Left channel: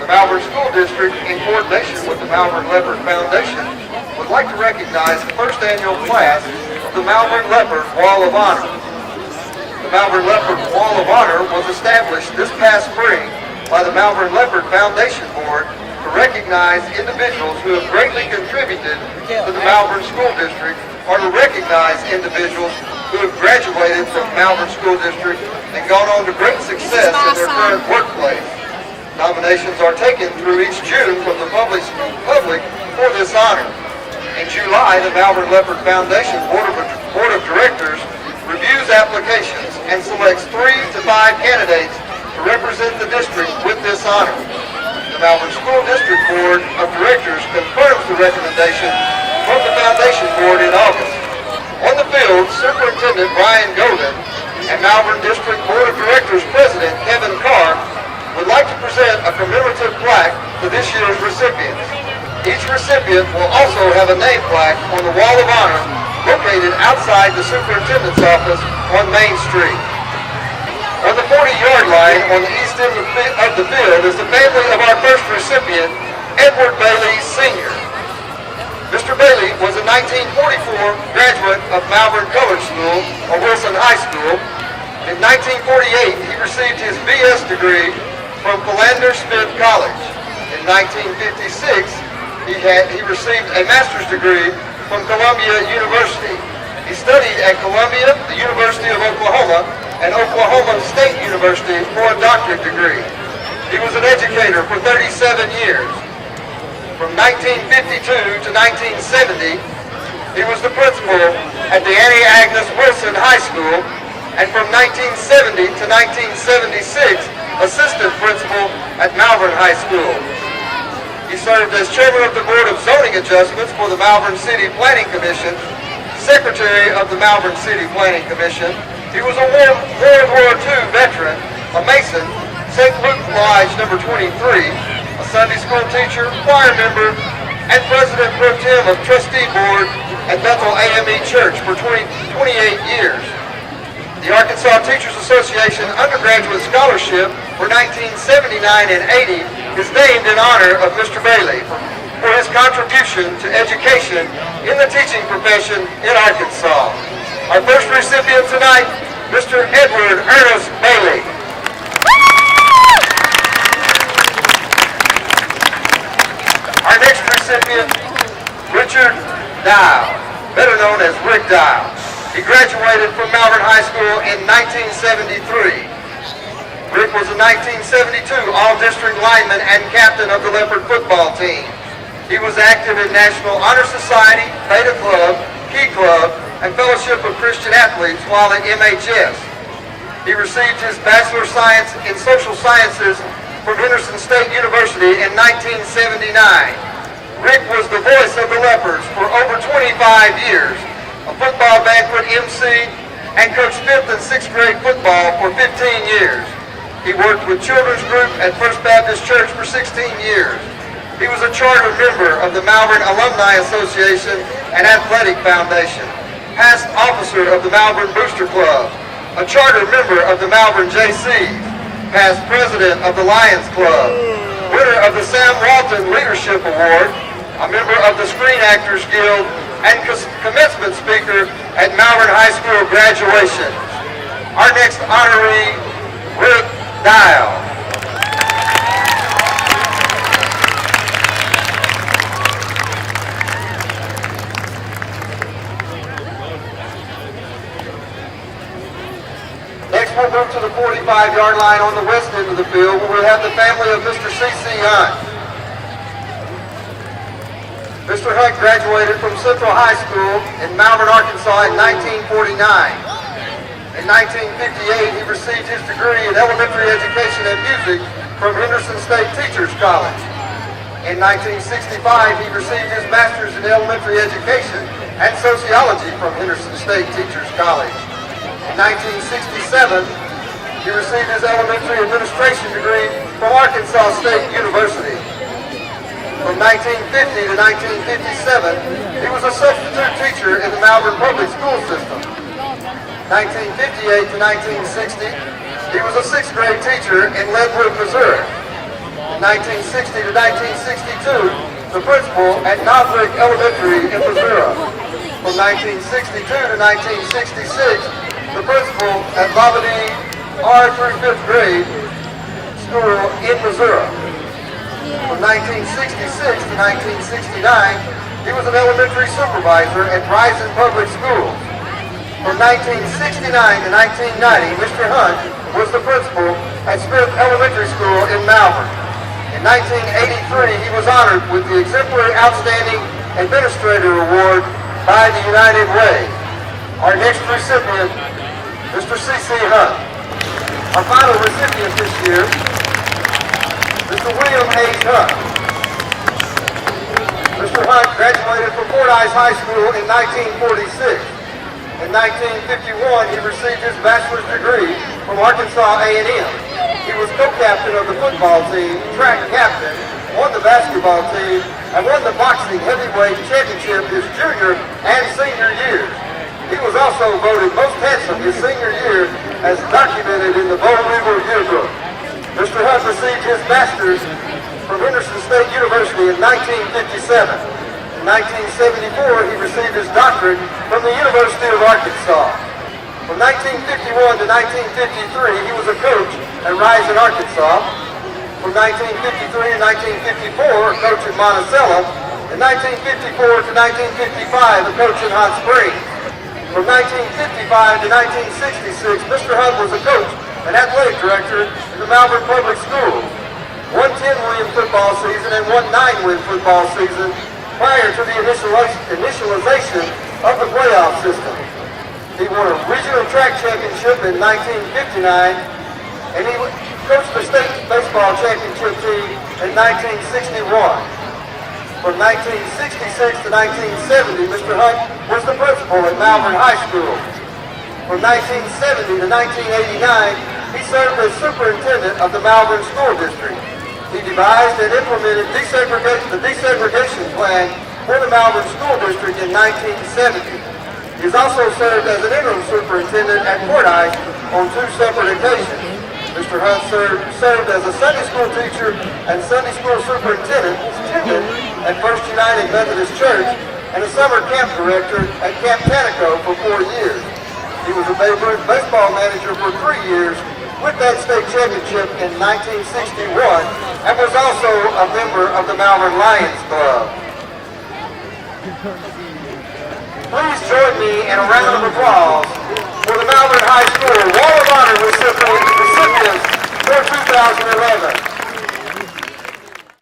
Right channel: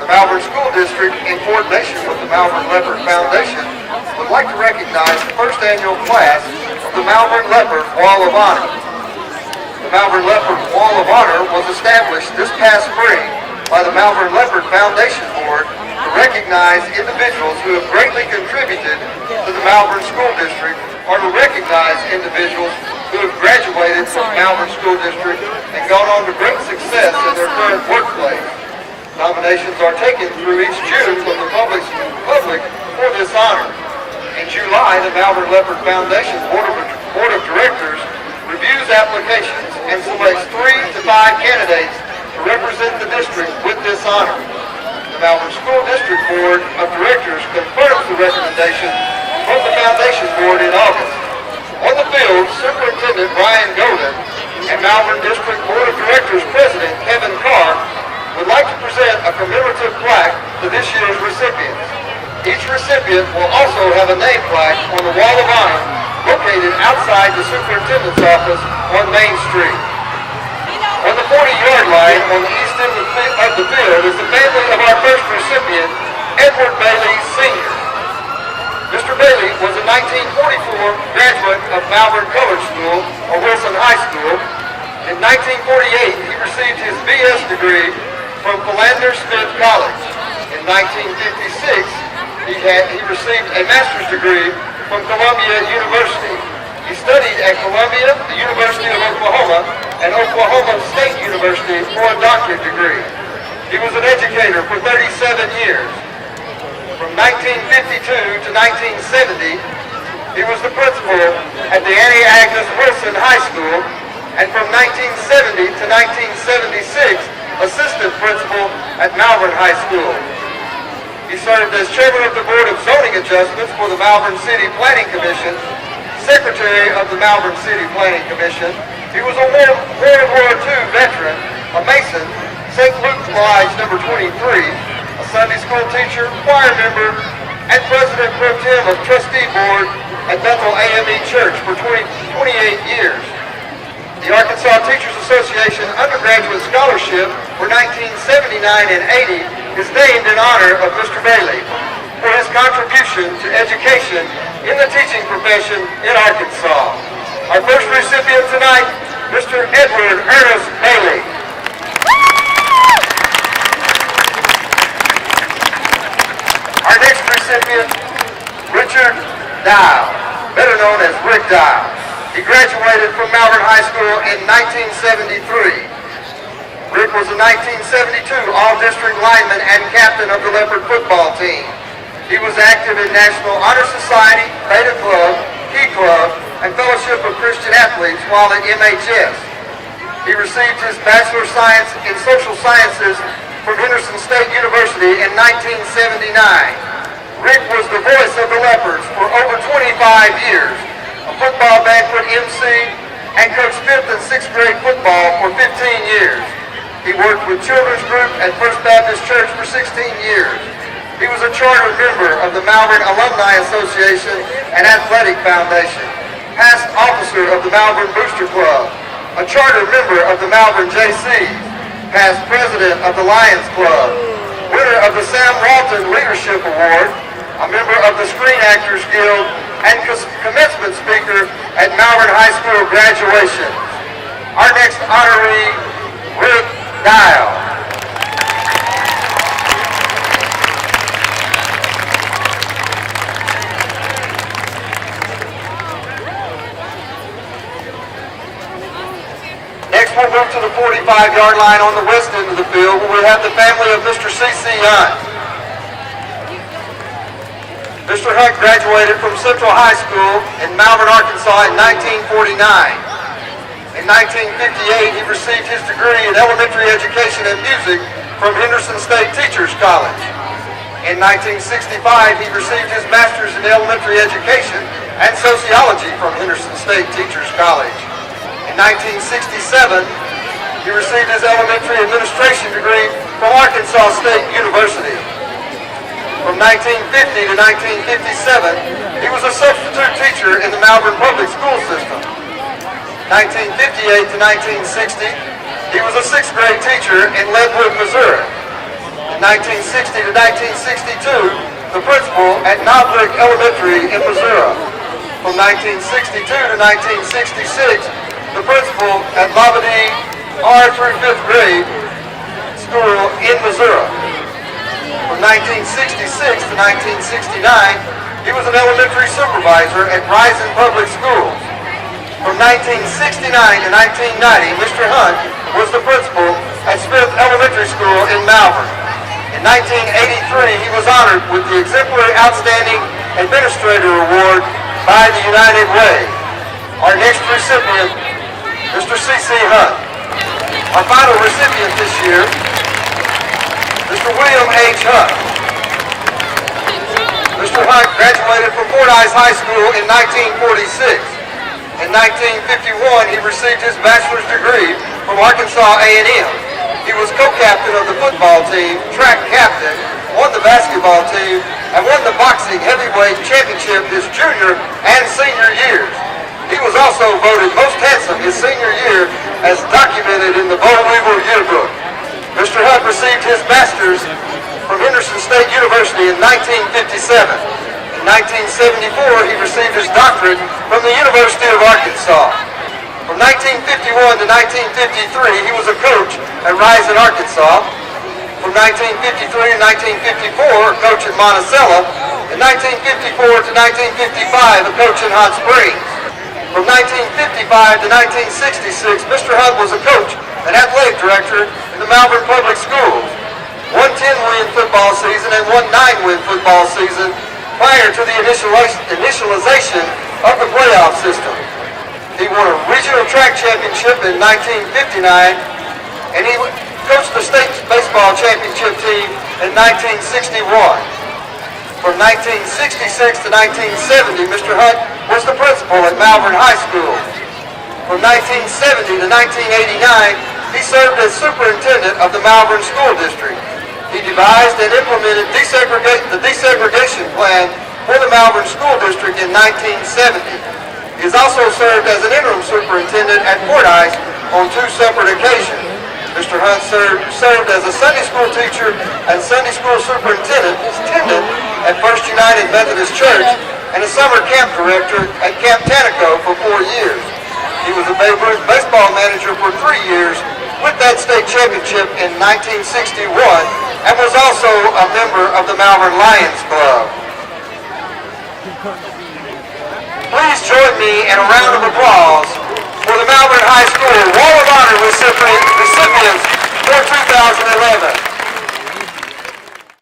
The Malvern School District, in coordination with the Malvern Leopard Foundation, would like to recognize the first annual class of the Malvern Leopard Wall of Honor. The Malvern Leopard Wall of Honor was established this past spring by the Malvern Leopard Foundation Board to recognize individuals who have greatly contributed to the Malvern School District, or to recognize individuals who have graduated from the Malvern School District and gone on to great success in their current workplace. Nominations are taken through each June from the public for this honor. In July, the Malvern Leopard Foundation Board of Directors reviews applications and selects 3 to 5 candidates to represent the district with this honor. The Malvern School District Board of Directors confirms the recommendation from the Foundation Board in August. On the field, Superintendent Brian Golden and Malvern District Board of Directors President Kevin Carr would like to present a commemorative plaque to this year's recipients. Each recipient will also have a name plaque on the Wall of Honor located outside the Superintendent's office on Main Street. On the 40-yard line on the east end of the field is the family of our first recipient, Edward Bailey, Sr. Mr. Bailey was a 1944 graduate of Malvern College School, or Wilson High School. In 1948, he received his B.S. degree from Philander Smith College. In 1956, he received a master's degree from Columbia University. He studied at Columbia, the University of Oklahoma, and Oklahoma State University for a doctorate degree. He was an educator for 37 years. From 1952 to 1970, he was the principal at the Annie Agnes Wilson High School, and from 1970 to 1976, assistant principal at Malvern High School. He served as chairman of the Board of Zoning Adjustments for the Malvern City Planning Commission, secretary of the Malvern City Planning Commission. He was a World War II veteran, a Mason, St. Luke Lodge number 23, a Sunday school teacher, choir member, and president pro tem of trustee board at Bethel AME Church for 28 years. The Arkansas Teachers Association Undergraduate Scholarship for 1979 and 80 is named in honor of Mr. Bailey for his contribution to education in the teaching profession in Arkansas. Our first recipient tonight, Mr. Edward Ernest Bailey. Our next recipient, Richard Dial, better known as Rick Dial. He graduated from Malvern High School in 1973. Rick was a 1972 All-District lineman and captain of the Leopard football team. He was active in National Honor Society, Beta Club, Key Club, and Fellowship of Christian Athletes while at MHS. He received his Bachelor of Science in Social Sciences from Henderson State University in 1979. Rick was the voice of the Leopards for over 25 years. A football banquet MC, and coached 5th and 6th grade football for 15 years. He worked with Children's Group at First Baptist Church for 16 years. He was a charter member of the Malvern Alumni Association and Athletic Foundation, past officer of the Malvern Booster Club, a charter member of the Malvern JCs, past president of the Lions Club, winner of the Sam Walton Leadership Award, a member of the Screen Actors Guild, and commencement speaker at Malvern High School graduation. Our next honoree, Rick Dial. Next we'll move to the 45-yard line on the west end of the field where we have the family of Mr. C.C. Hunt. Mr. Hunt graduated from Central High School in Malvern, Arkansas in 1949. In 1958, he received his degree in elementary education and music from Henderson State Teachers College. In 1965, he received his master's in elementary education and sociology from Henderson State Teachers College. In 1967, he received his elementary administration degree from Arkansas State University. From 1950 to 1957, he was a substitute teacher in the Malvern Public School System. 1958 to 1960, he was a 6th grade teacher in Leadwood, Missouri. In 1960 to 1962, the principal at Malvern Elementary in Missouri. From 1962 to 1966, the principal at Labadee R through 5th grade school in Missouri. From 1966 to 1969, he was an elementary supervisor at Rising Public Schools. From 1969 to 1990, Mr. Hunt was the principal at Smith Elementary School in Malvern. In 1983, he was honored with the Exemplary Outstanding Administrator Award by the United Way. Our next recipient, Mr. C.C. Hunt. Our final recipient this year, Mr. William H. Hunt. Mr. Hunt graduated from Fordyce High School in 1946. In 1951, he received his bachelor's degree from Arkansas A&M. He was co-captain of the football team, track captain, won the basketball team, and won the boxing heavyweight championship his junior and senior years. He was also voted most handsome his senior year, as documented in the Bold Eagle yearbook. Mr. Hunt received his master's from Henderson State University in 1957. In 1974, he received his doctorate from the University of Arkansas. From 1951 to 1953, he was a coach at Rising, Arkansas. From 1953 to 1954, a coach at Monticello. In 1954 to 1955, a coach in Hot Springs. From 1955 to 1966, Mr. Hunt was a coach and athletic director in the Malvern Public Schools. One 10-win football season and one 9-win football season prior to the initialization of the playoff system. He won a regional track championship in 1959, and he coached the state baseball championship team in 1961. From 1966 to 1970, Mr. Hunt was the principal at Malvern High School. From 1970 to 1989, he served as superintendent of the Malvern School District. He devised and implemented the desegregation plan for the Malvern School District in 1970. He has also served as an interim superintendent at Fordyce on 2 separate occasions. Mr. Hunt served as a Sunday school teacher and Sunday school superintendent at First United Methodist Church and a summer camp director at Camp Tanaco for 4 years. He was a Babe Ruth baseball manager for 3 years with that state championship in 1961 and was also a member of the Malvern Lions Club. Please join me in a round of applause for the Malvern High School Wall of Honor recipients for 2011.